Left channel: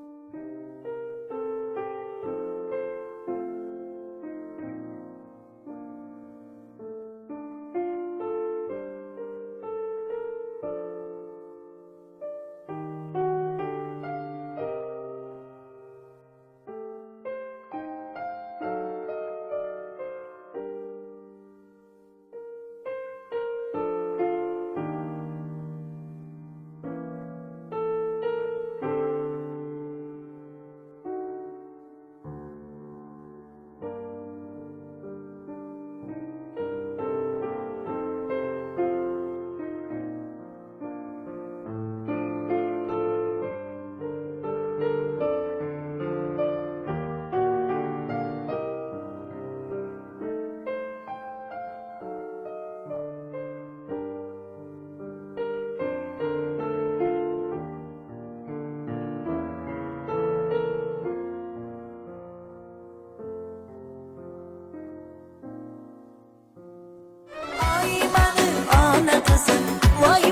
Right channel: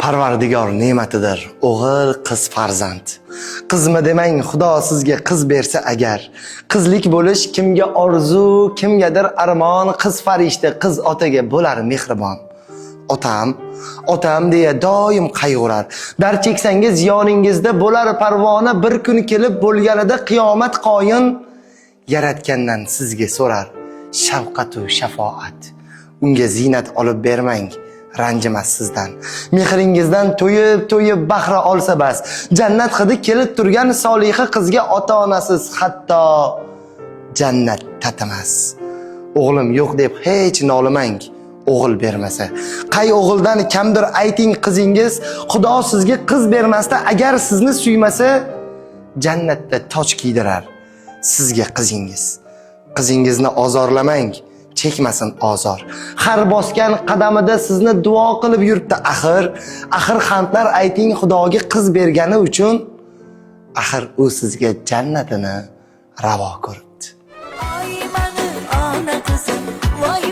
Parvardigor ne'matidir, o'g'il, qiz farzand. Qizmi demang, Xudo sizga qiz bersa agar. Qizlik bo'lish kimga orzu, kimgadir armon, qiz farishta, qiz otaga bo'lar mehribon. Otam deya doim qayg'urar. Dar cheksangiz yoningizda bo'lar parvona, bir kun kelib bo'lganida qiyomat qoyin yaratgandan sizga so'rar shafqat va shafoat. Unga zinat olib bermang, ranjimas sizdan. Mehringizdan to'yib bahra olsa bas. Jannat hidi kelib turgan soliha qizga ota-onasiz hatto jannat tatimas. O'g'lim yo'q deb hech nolimang, o'g'il bermasa. Qay o'g'ildan kamdir ayting qizingiz, Xudo sizga qiz bermasda agar sizni suymasa, jannatda toj kiydirar sizga qizingiz. Qizingizni ozorlamang, chekmasin ozor. Har bosgan qadamida sizni duo qilib yuribdi axir. Axir hamdlar ayting Xudoga qiz bergani uchun. Axir u sizga jannatini ravo ko'ribdi. Voy mani ona qizim, voy